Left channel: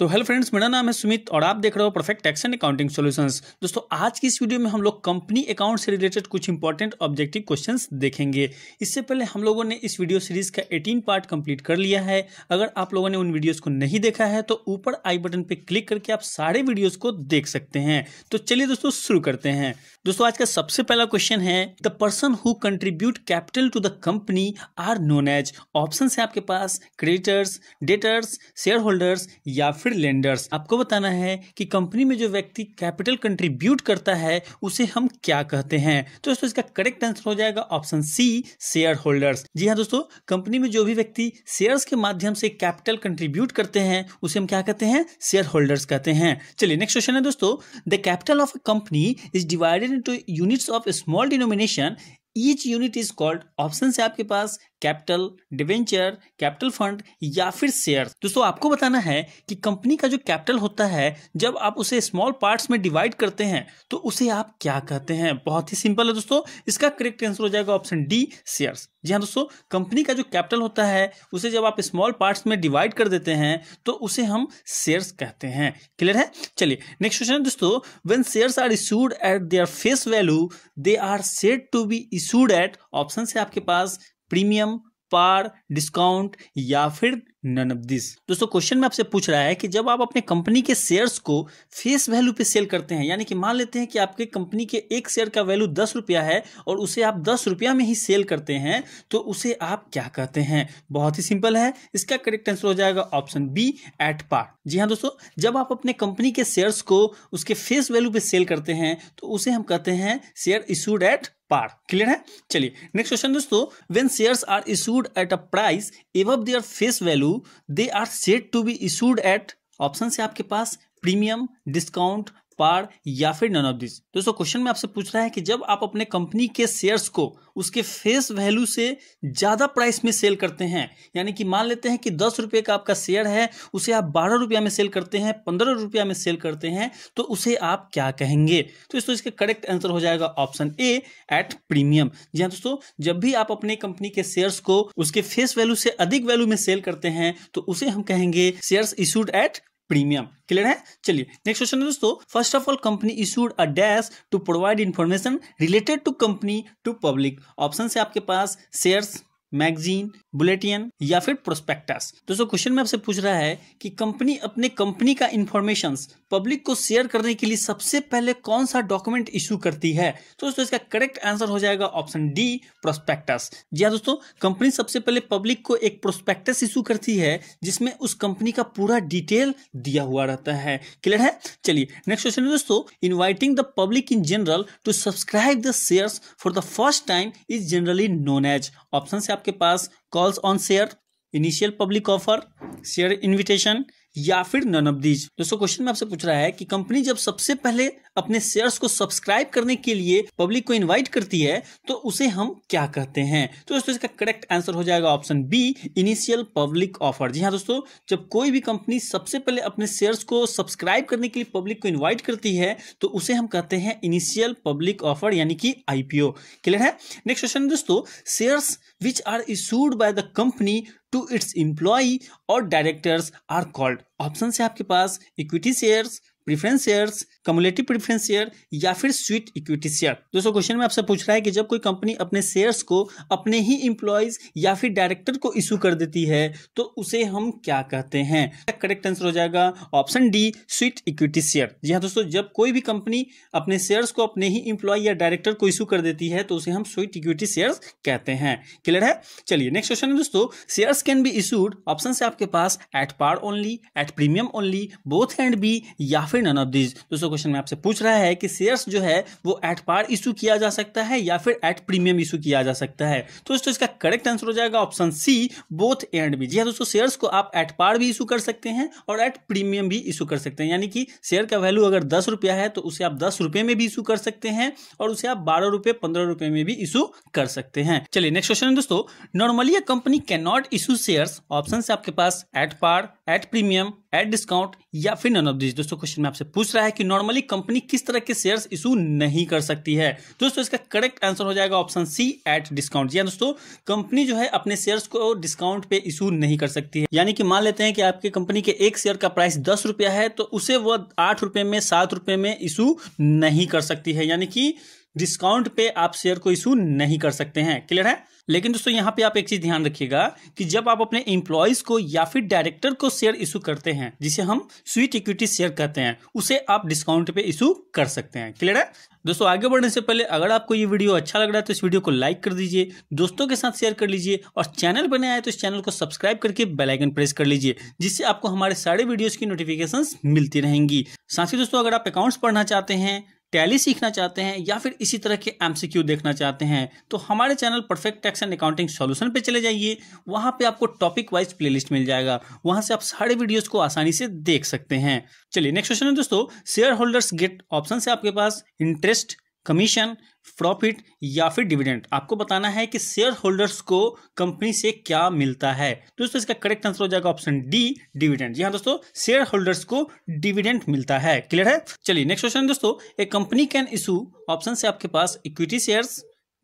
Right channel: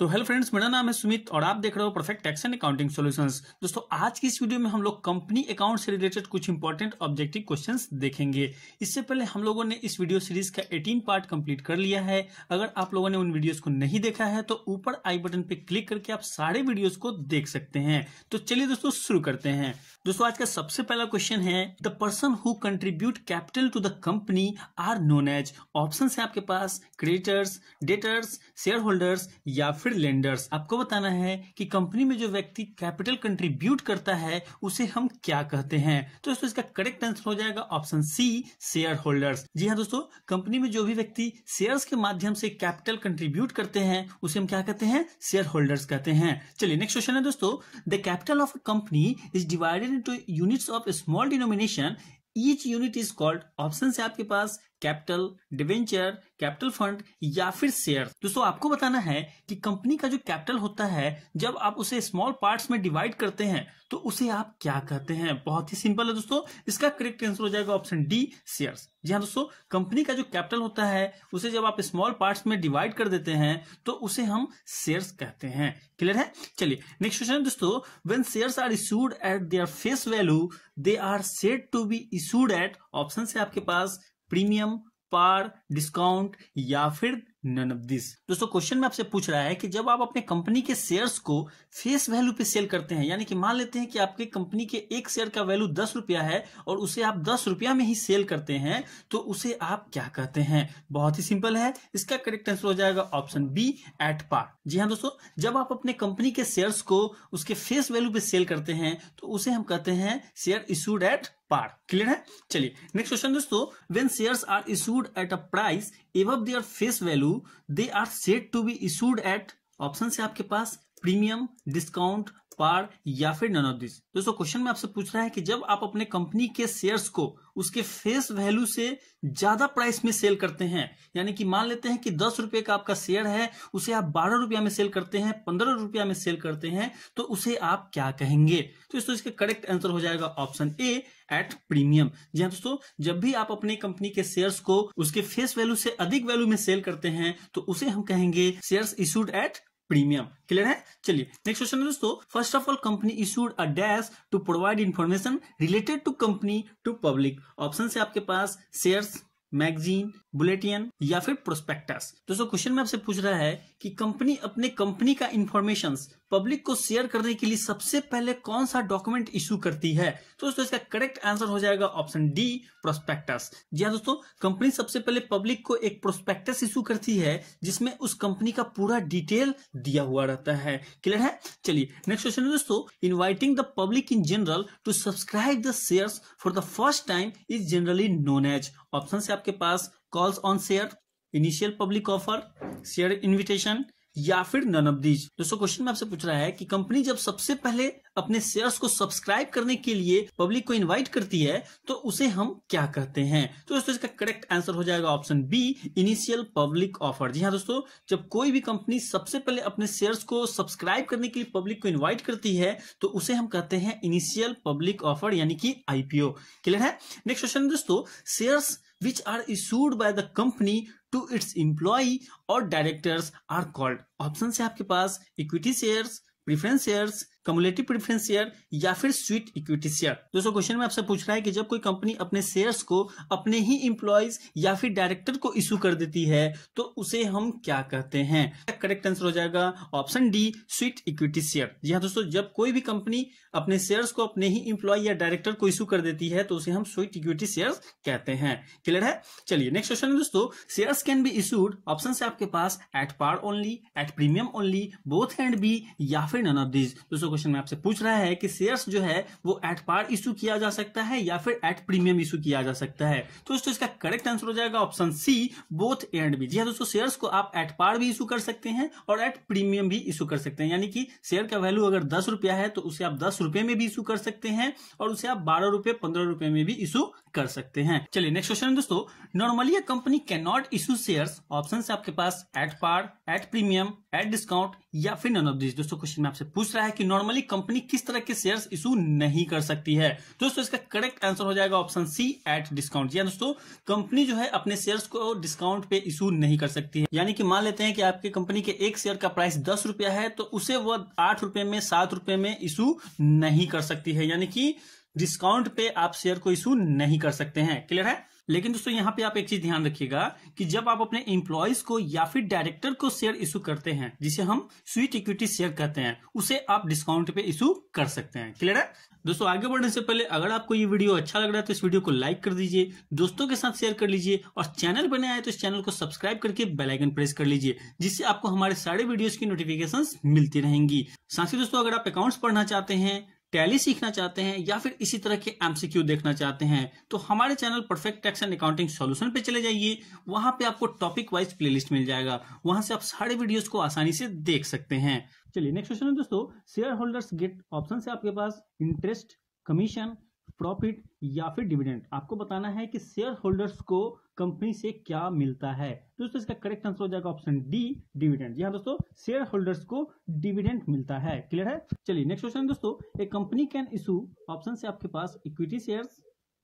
तो hello friends, मेरा नाम है सुमित और आप देख रहे हो perfect tax and accounting solutions. दोस्तों, आज की इस वीडियो में हम लोग कंपनी अकाउंट से रिलेटेड कुछ इंपॉर्टेंट ऑब्जेक्टिव क्वेश्चंस देखेंगे। इससे पहले हम लोगों ने इस वीडियो सीरीज का 18 पार्ट कंप्लीट कर लिया है। अगर आप लोगों ने उन वीडियोस को नहीं देखा है तो ऊपर आई बटन पे क्लिक करके आप सारे वीडियोस को देख सकते हैं। तो चलिए दोस्तों शुरू करते हैं। दोस्तों, आज का सबसे पहला क्वेश्चन है, the person who contribute capital to the company are known as. Option है आपके पास क्रेडिटर्स, डेटर्स, शेयर होल्डर्स या फिर लेंडर्स। आपको बताना है कि कंपनी में जो व्यक्ति कैपिटल कंट्रीब्यूट करता है उसे हम क्या कहते हैं। तो दोस्तों, इसका करेक्ट आंसर हो जाएगा ऑप्शन सी, शेयर होल्डर्स। जी हाँ दोस्तों, कंपनी में जो भी व्यक्ति शेयर्स के माध्यम से कैपिटल कंट्रीब्यूट करते हैं उसे हम क्या कहते हैं, शेयर होल्डर्स कहते हैं। चलिए नेक्स्ट क्वेश्चन है दोस्तों, the capital of a company is divided into units of small denomination, each unit is called. Option है आपके पास कैपिटल, डिवेंचर, कैपिटल फंड या फिर शेयर। दोस्तों, आपको बताना है कि कंपनी का जो कैपिटल होता है जब आप उसे स्मॉल पार्ट्स में डिवाइड करते हैं तो उसे आप क्या कहते हैं। बहुत ही सिंपल है दोस्तों, इसका करेक्ट आंसर हो जाएगा ऑप्शन डी, शेयर्स। जी हाँ दोस्तों, कंपनी का जो कैपिटल होता है उसे जब आप स्मॉल पार्ट्स में डिवाइड कर देते हैं तो उसे हम शेयर्स कहते हैं। क्लियर है। चलिए नेक्स्ट क्वेश्चन है दोस्तों, when shares are issued at their face value they are said to be issued at. Option है आपके पास प्रीमियम, पार, डिस्काउंट या फिर नन ऑफ दिस। दोस्तों, क्वेश्चन में आपसे पूछ रहा है कि जब आप अपने कंपनी के शेयर्स को फेस वैल्यू पे सेल करते हैं, यानी कि मान लेते हैं कि आपके कंपनी के एक शेयर का वैल्यू 10 रुपया है और उसे आप 10 रुपया में ही सेल करते हैं, तो उसे आप क्या कहते हैं। बहुत ही सिंपल है, इसका करेक्ट आंसर हो जाएगा ऑप्शन बी, एट पार। जी हाँ दोस्तों, जब आप अपने कंपनी के शेयर्स को उसके फेस वैल्यू पे सेल करते हैं तो उसे हम कहते हैं share issued at par. Clear है। चलिए नेक्स्ट क्वेश्चन दोस्तों, when shares are issued at a price above their face value they are said to be issued at. Option है आपके पास प्रीमियम, डिस्काउंट, पार या फिर नन ऑफ दिस। दोस्तों, question में आपसे पूछ रहा है कि जब आप अपने कंपनी के शेयर्स को उसके फेस वैल्यू से ज्यादा प्राइस में सेल करते हैं, यानी कि मान लेते हैं कि 10 रुपए का आपका शेयर है, उसे आप 12 रुपया में सेल करते हैं, 15 रुपया में सेल करते हैं, तो उसे आप क्या कहेंगे। तो इसका करेक्ट आंसर हो जाएगा ऑप्शन ए, एट प्रीमियम। जी हाँ दोस्तों, जब भी आप अपने कंपनी के शेयर्स को उसके फेस वैल्यू से अधिक वैल्यू में सेल करते हैं तो उसे हम कहेंगे shares issued at premium. Clear है। चलिए नेक्स्ट क्वेश्चन है दोस्तों, first of all company issued a dash to provide information related to company to public. Option है आपके पास शेयर्स, मैगजीन, बुलेटिन या फिर प्रोस्पेक्टस। दोस्तों, क्वेश्चन में आपसे पूछ रहा है कि कंपनी अपने कंपनी का इंफॉर्मेशंस पब्लिक को शेयर करने के लिए सबसे पहले कौन सा डॉक्यूमेंट इशू करती है। तो दोस्तों, इसका करेक्ट आंसर हो जाएगा ऑप्शन डी, प्रोस्पेक्टस। जी हाँ दोस्तों, कंपनी सबसे पहले पब्लिक को एक प्रोस्पेक्टस इशू करती है जिसमें उस कंपनी का पूरा डिटेल दिया हुआ रहता है। क्लियर है। चलिए नेक्स्ट क्वेश्चन है दोस्तों, inviting the public in general to subscribe the shares for the first time is generally known as. Option है आपके पास calls on share, initial public offer, share invitation या फिर नन ऑफ दीज। दोस्तों, question में आपसे पूछ रहा है कि कंपनी जब सबसे पहले अपने शेयर्स को सब्सक्राइब करने के लिए पब्लिक को इनवाइट करती है तो उसे हम क्या कहते हैं। तो दोस्तों, इसका करेक्ट आंसर हो जाएगा option B, initial public offer. जी हाँ दोस्तों, जब कोई भी कंपनी सबसे पहले अपने शेयर्स को सब्सक्राइब करने के लिए पब्लिक को इन्वाइट करती है तो उसे हम कहते हैं इनिशियल पब्लिक ऑफर, यानी कि आईपीओ। क्लियर है। नेक्स्ट क्वेश्चन दोस्तों, shares which are issued by the company to its employee or directors are called। Option है आपके पास equity shares, preference shares, cumulative preference share या फिर स्वीट इक्विटी शेयर। दोस्तों, क्वेश्चन में आपसे पूछ रहा है कि जब कोई कंपनी अपने शेयर्स को अपने ही इंप्लॉइज या फिर डायरेक्टर को इशू कर देती है तो उसे हम क्या कहते हैं। करेक्ट आंसर हो जाएगा option D, sweet equity share. जी हाँ दोस्तों, जब कोई भी कंपनी अपने शेयर्स को अपने ही इंप्लॉय या डायरेक्टर को इशू कर देती है तो उसे हम स्वीट इक्विटी शेयर्स कहते हैं। क्लियर है। चलिए नेक्स्ट क्वेश्चन है दोस्तों, shares can be issued. Option है आपके पास at par only, at premium only, both and B या फिर नन ऑफ दिस। दोस्तों, क्वेश्चन में आपसे पूछ रहा है कि शेयर्स जो है वो एट पार इशू किया जा सकता है या फिर एट प्रीमियम इशू किया जा सकता है। तो दोस्तों, इसका करेक्ट आंसर हो जाएगा option C, both and B. जी हाँ दोस्तों, शेयर्स को आप एट पार भी इशू कर सकते हैं और एट प्रीमियम भी इशू कर सकते हैं, यानी कि शेयर का वैल्यू अगर 10 रुपया है तो उसे आप 10 रुपए में भी इशू कर सकते हैं और उसे आप 12 रुपए, 15 रुपए में भी इशू कर सकते हैं। चलिए नेक्स्ट क्वेश्चन है दोस्तों, normally a company can not issue shares. Option है आपके पास at par, at premium, at discount या फिर नन ऑफ दिस। दोस्तों क्वेश्चन में आपसे पूछ रहा है कि नॉर्मली कंपनी किस तरह के शेयर्स इशू नहीं कर सकती है। दोस्तों इसका करेक्ट आंसर हो जाएगा ऑप्शन सी, एट डिस्काउंट। जी दोस्तों, कंपनी जो है अपने शेयर्स को डिस्काउंट पे इशू नहीं कर सकती है। यानी कि मान लेते हैं कि आपकी कंपनी के एक शेयर का प्राइस 10 रुपया है, तो उसे वो 8 रुपए में, 7 रुपए में इशू नहीं कर सकती है। यानी कि डिस्काउंट पे आप शेयर को इशू नहीं कर सकते हैं। क्लियर है। लेकिन दोस्तों यहाँ पे आप एक चीज ध्यान रखिएगा कि जब आप अपने एम्प्लॉयज को या फिर डायरेक्टर को शेयर इशू करते हैं, जिसे हम स्वीट इक्विटी शेयर कहते हैं, उसे आप डिस्काउंट पे इशू कर सकते हैं। क्लियर है। दोस्तों आगे बढ़ने से पहले अगर आपको ये वीडियो अच्छा लग रहा है तो इस वीडियो को लाइक कर दीजिए, दोस्तों के साथ शेयर कर लीजिए, और चैनल पर नए आए तो इस चैनल को सब्सक्राइब करके बेल आइकन प्रेस कर लीजिए, जिससे आपको हमारे सारे वीडियोस की नोटिफिकेशंस मिलती रहेंगी। साथ ही दोस्तों अगर आप अकाउंट्स पढ़ना चाहते हैं, टैली सीखना चाहते हैं या फिर इसी तरह के एमसीक्यू देखना चाहते हैं, तो हमारे channel perfect tax and accounting solution पे चले जाइए। वहां पे आपको टॉपिक वाइज प्लेलिस्ट मिल जाएगा, वहां से आप सारे वीडियोस को आसानी से देख सकते हैं। चलिए नेक्स्ट क्वेश्चन है दोस्तों, शेयर होल्डर्स गेट, ऑप्शन है आपके पास इंटरेस्ट, कमीशन, प्रॉफिट या फिर डिविडेंड। आपको बताना है कि शेयर होल्डर्स को कंपनी से क्या मिलता है। दोस्तों इसका करेक्ट आंसर हो जाएगा ऑप्शन डी, डिविडेंड। जी हाँ दोस्तों, शेयर होल्डर्स को डिविडेंड मिलता है। क्लियर है। चलिए नेक्स्ट क्वेश्चन दोस्तों, a company can issue, option है आपके पास equity shares,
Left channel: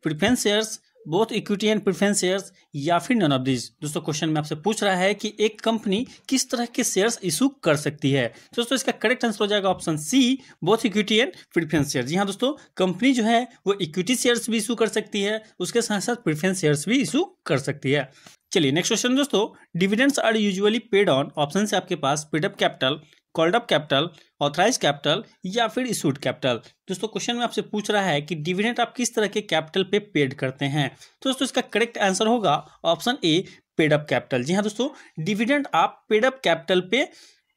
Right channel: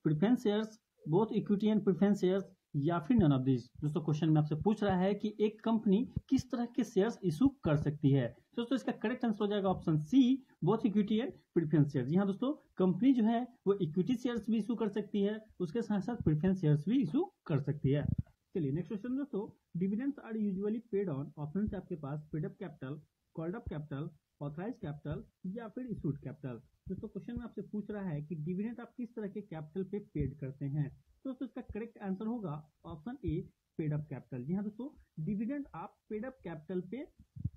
preference shares, both equity and preference shares या फिर नन ऑफ दिस। दोस्तों क्वेश्चन में आपसे पूछ रहा है कि एक कंपनी किस तरह के शेयर्स इशू कर सकती है। दोस्तों इसका करेक्ट आंसर हो जाएगा option C, both equity and preference share. जी हाँ दोस्तों, कंपनी जो है वो इक्विटी शेयर्स भी इशू कर सकती है, उसके साथ साथ प्रेफरेंस शेयर्स भी इशू कर सकती है। चलिए नेक्स्ट क्वेश्चन दोस्तों, dividends are usually paid on, option है आपके पास paid up capital, called up capital, authorise capital या फिर इशूड कैपिटल। दोस्तों क्वेश्चन में आपसे पूछ रहा है कि डिविडेंड आप किस तरह के कैपिटल पे पेड करते हैं। तो दोस्तों इसका करेक्ट आंसर होगा option A, paid up capital. जी हाँ दोस्तों, डिविडेंड आप पेड अप कैपिटल पे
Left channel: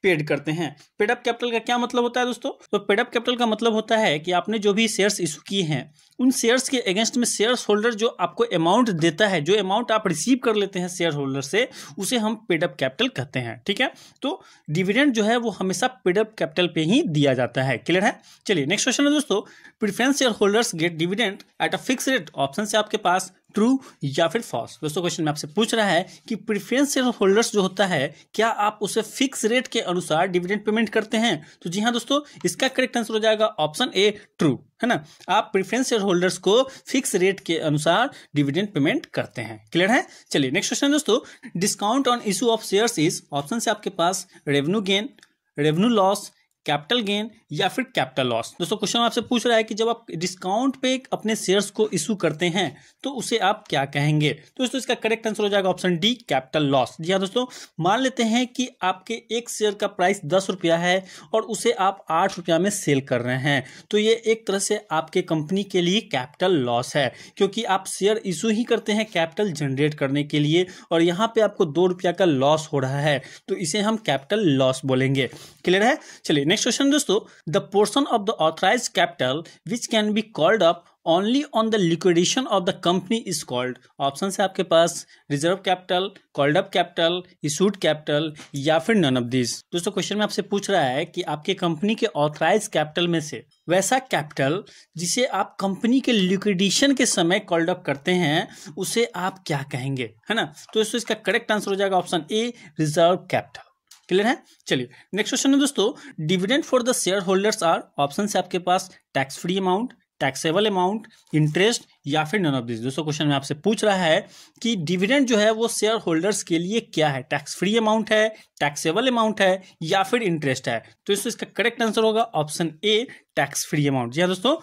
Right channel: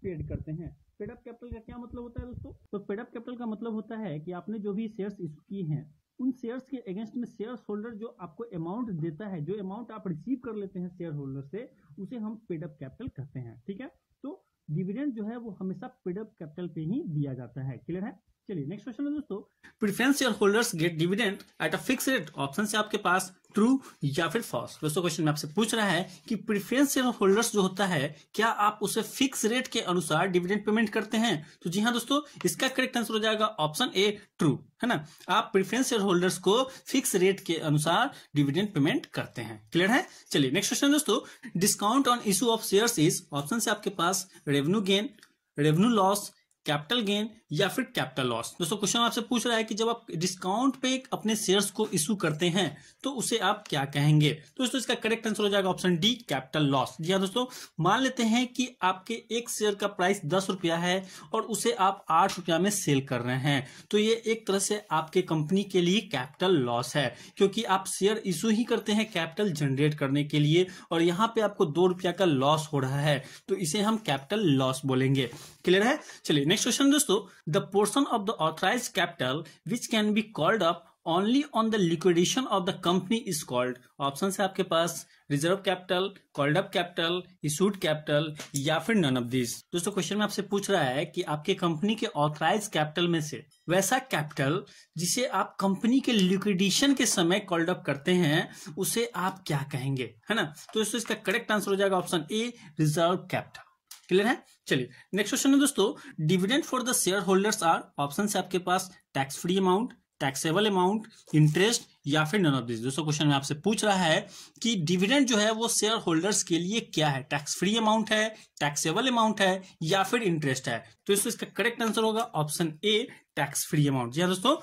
पेड करते हैं। पेड अप कैपिटल का क्या मतलब होता है दोस्तों? तो पेड अप कैपिटल का मतलब होता है कि आपने जो भी शेयर्स इशू किए हैं, उन शेयर्स के अगेंस्ट में शेयर होल्डर जो आपको अमाउंट देता है, जो अमाउंट आप रिसीव कर लेते हैं शेयर होल्डर से, उसे हम पेड अप कैपिटल कहते हैं। ठीक है, तो डिविडेंड जो है वो हमेशा पेड अप कैपिटल पे ही दिया जाता है। क्लियर है। चलिए नेक्स्ट क्वेश्चन है दोस्तों, preference share holders gate dividend at a fix rate, option से आपके पास ट्रू या फिर फॉल्स। दोस्तों क्वेश्चन में आपसे पूछ रहा है कि प्रेफरेंस शेयर होल्डर्स जो होता है, क्या आप उसे फिक्स रेट के अनुसार डिविडेंड पेमेंट करते हैं। तो जी हाँ दोस्तों, इसका करेक्ट आंसर हो जाएगा ऑप्शन ए, ट्रू, है ना। आप प्रेफरेंस शेयर होल्डर्स को फिक्स रेट के अनुसार डिविडेंड पेमेंट करते हैं। क्लियर है। चलिए नेक्स्ट क्वेश्चन दोस्तों, discount on issue of shares is, option से आपके पास revenue gain, revenue loss, capital gain या फिर कैपिटल लॉस। दोस्तों क्वेश्चन आपसे पूछ रहा है कि जब आप डिस्काउंट पे अपने शेयर्स को इशू करते हैं तो उसे आप क्या कहेंगे। तो दोस्तों इसका करेक्ट आंसर हो जाएगा ऑप्शन डी, कैपिटल लॉस। जी हाँ दोस्तों, मान लेते हैं कि आपके एक शेयर का प्राइस 10 रुपया है और उसे आप 8 रुपया में सेल कर रहे हैं, तो ये एक तरह से आपके कंपनी के लिए कैपिटल लॉस है, क्योंकि आप शेयर इशू ही करते हैं कैपिटल जनरेट करने के लिए, और यहाँ पे आपको 2 रुपया का लॉस हो रहा है, तो इसे हम कैपिटल लॉस बोलेंगे। क्लियर है। चलिए नेक्स्ट क्वेश्चन दोस्तों, the portion of the authorised capital which can be called up only on the liquidation of the company is called, option है आपके पास reserve capital, called up capital, issued capital या फिर none of this. दोस्तों question में आपसे पूछ रहा है कि आपके कंपनी के ऑथराइज कैपिटल में से वैसा कैपिटल जिसे आप कंपनी के लिक्विडेशन के समय कॉल्ड अप करते हैं, उसे आप क्या कहेंगे, है ना। तो इसका करेक्ट आंसर हो जाएगा option A, reserve capital. Clear है। चलिए नेक्स्ट क्वेश्चन है दोस्तों, dividend for the share holders are, option से आपके पास tax free amount, taxable amount, interest या फिर नन ऑफ दिस। दोस्तों क्वेश्चन में आपसे पूछ रहा है कि डिविडेंड जो है वो शेयर होल्डर्स के लिए क्या है, टैक्स फ्री अमाउंट है, टैक्सेबल अमाउंट है या फिर इंटरेस्ट है। तो इसका करेक्ट आंसर होगा option A, tax free amount. जी हाँ दोस्तों,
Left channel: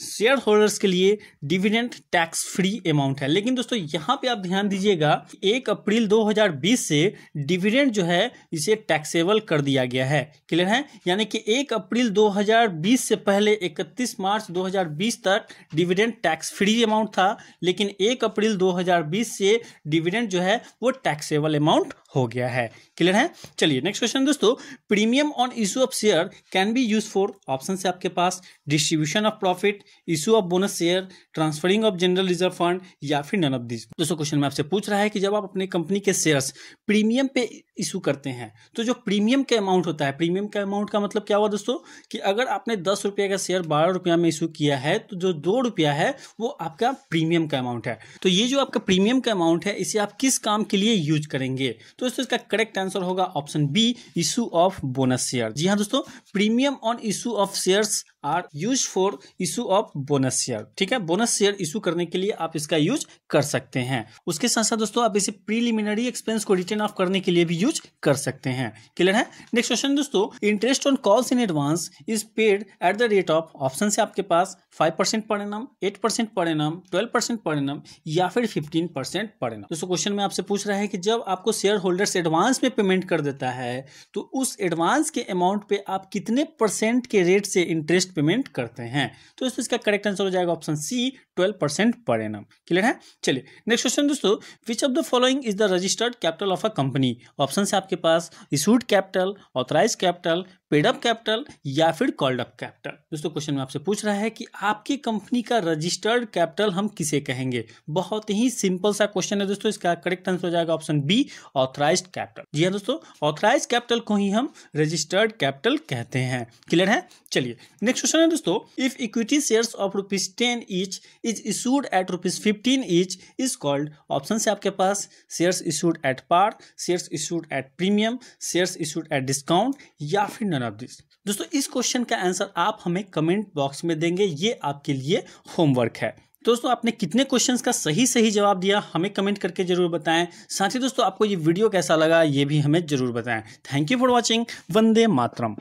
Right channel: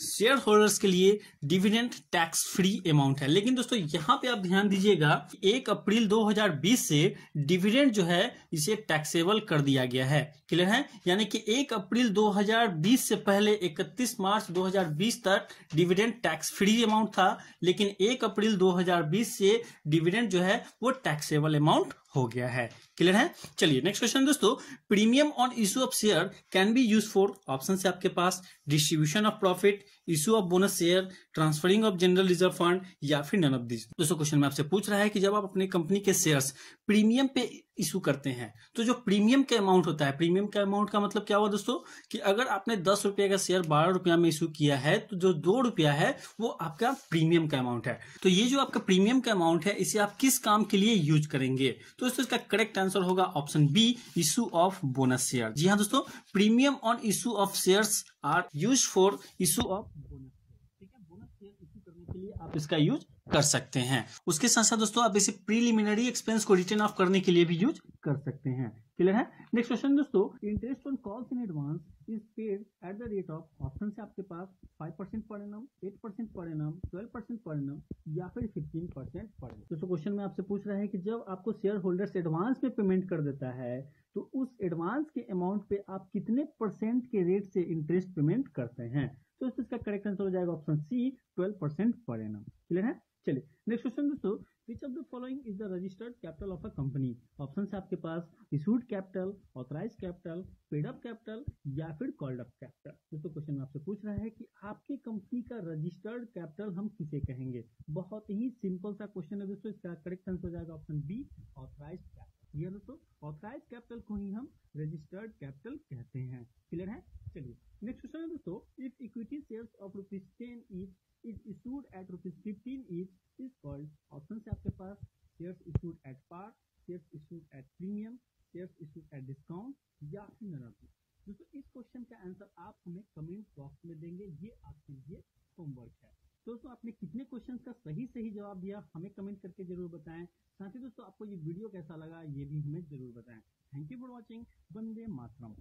शेयर होल्डर्स के लिए डिविडेंड टैक्स फ्री अमाउंट है। लेकिन दोस्तों यहाँ पे आप ध्यान दीजिएगा, 1 अप्रैल 2020 से डिविडेंड जो है इसे टैक्सेबल कर दिया गया है। क्लियर है। यानी कि 1 अप्रैल 2020 से पहले 31 मार्च 2020 तक डिविडेंड टैक्स फ्री अमाउंट था, लेकिन 1 अप्रैल 2020 से डिविडेंड जो है वो टैक्सेबल अमाउंट हो गया है। क्लियर है। चलिए नेक्स्ट क्वेश्चन दोस्तों, premium on issue of share can be use for, option से आपके पास distribution of profit, issue of bonus share, transferring of general reserve fund या फिर नन ऑफ दिस। दोस्तों क्वेश्चन में आपसे पूछ रहा है कि जब आप अपने कंपनी के शेयर्स प्रीमियम पे इशू करते हैं, तो जो प्रीमियम का अमाउंट होता है, प्रीमियम का अमाउंट का मतलब क्या हुआ दोस्तों, कि अगर आपने 10 रुपये का शेयर 12 रुपया में इशू किया है, तो जो 2 रुपया है वो आपका प्रीमियम का अमाउंट है। तो ये जो आपका प्रीमियम का अमाउंट है, इसे आप किस काम के लिए यूज करेंगे। तो दोस्तों इसका करेक्ट आंसर होगा option B, issue of bonus share. जी हाँ दोस्तों, premium on issue of shares are use for issue of bonus share. ठीक है, बोनस शेयर इशू करने के लिए आप इसका यूज कर सकते हैं। उसके साथ साथ दोस्तों आप इसे प्रीलिमिनरी एक्सपेंस को रिटर्न ऑफ करने के लिए भी यूज कर सकते हैं। क्लियर है। नेक्स्ट क्वेश्चन दोस्तों, interest on calls in advance is paid at the rate of, option से आपके पास 5% per annum, 8% per annum, 12% per annum या फिर 15% पर एनम। दोस्तों क्वेश्चन में आपसे पूछ रहा है कि जब आपको शेयर होल्डर्स एडवांस में पेमेंट कर देता है तो उस एडवांस के अमाउंट पे आप कितने परसेंट के रेट से इंटरेस्ट पेमेंट करते हैं। तो इसका करेक्ट आंसर हो जाएगा ऑप्शन सी, 12% पर एनम। क्लियर है। चलिए नेक्स्ट क्वेश्चन दोस्तों, which of the following is the registered capital of a company. Option से आपके पास issued capital, authorise capital, paid up capital या फिर कॉल्ड अप कैपिटल। दोस्तों क्वेश्चन में आपसे पूछ रहा है कि आपकी कंपनी का रजिस्टर्ड कैपिटल हम किसे कहेंगे। बहुत ही सिंपल सा क्वेश्चन है दोस्तों, इसका करेक्ट आंसर हो जाएगा ऑप्शन बी, ऑथराइज्ड कैपिटल। जी हाँ दोस्तों, ऑथराइज्ड कैपिटल को ही हम रजिस्टर्ड कैपिटल कहते हैं। क्लियर है। चलिए नेक्स्ट क्वेश्चन है दोस्तों, if equity shares of ₹10 each is issued at ₹15 each is called. Option से आपके पास shares issued at par, shares issued at premium, shares issued at discount या फिर नन ऑफ दिस। दोस्तों इस क्वेश्चन का आंसर आप हमें कमेंट बॉक्स में देंगे, ये आपके लिए होमवर्क है। दोस्तों आपने कितने क्वेश्चंस का सही जवाब दिया हमें कमेंट करके जरूर बताएं। साथ ही दोस्तों आपको ये वीडियो कैसा लगा ये भी हमें जरूर बताएं। Thank you for watching. Vande Mataram.